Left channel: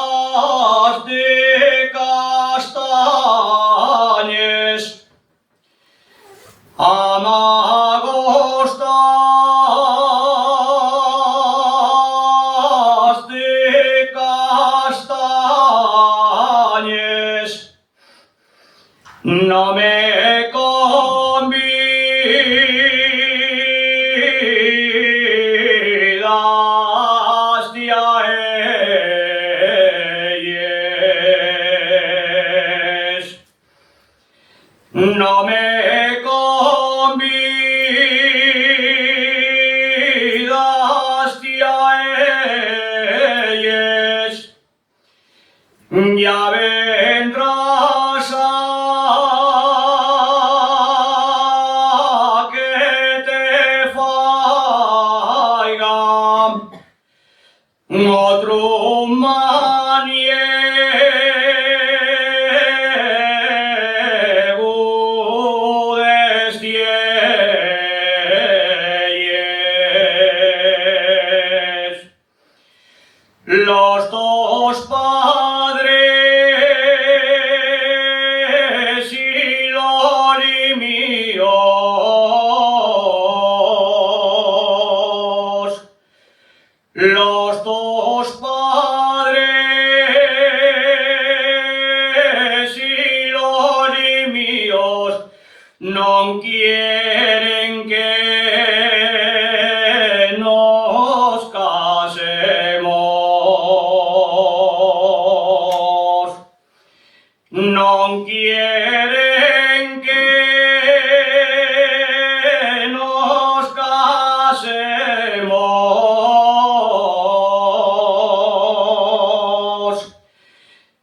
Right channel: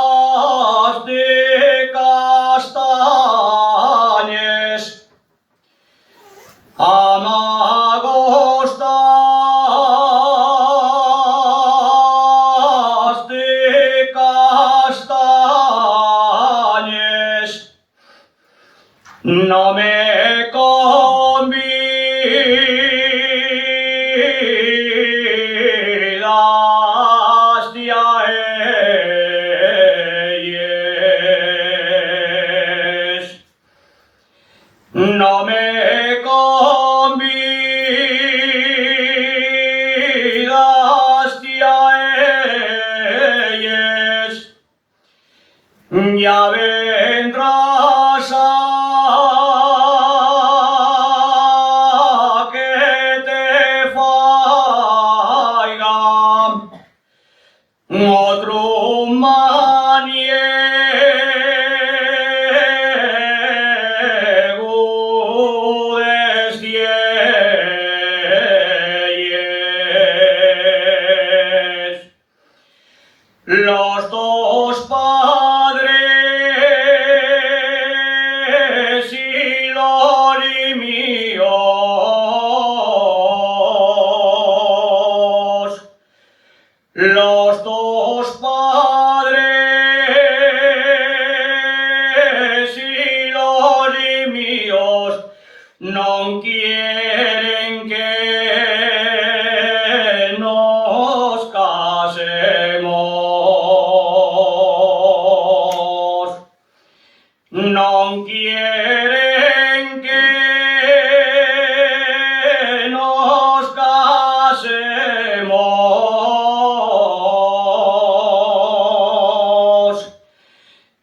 Amagostas de castañes, amagostas de castañes, no me convidas de a ellas, no me convidas de a ellas, ya vendrás a que te faigan otro maniego desde ellas. Los dos padres y lori míos, los dos padres y lori míos no quieren que nos casemos, no quieren que nos casemos.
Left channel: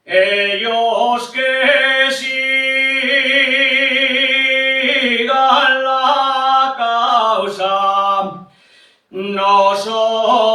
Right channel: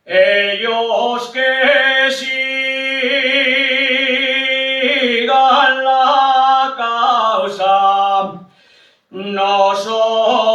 Ellos que sigan la causa, nosotros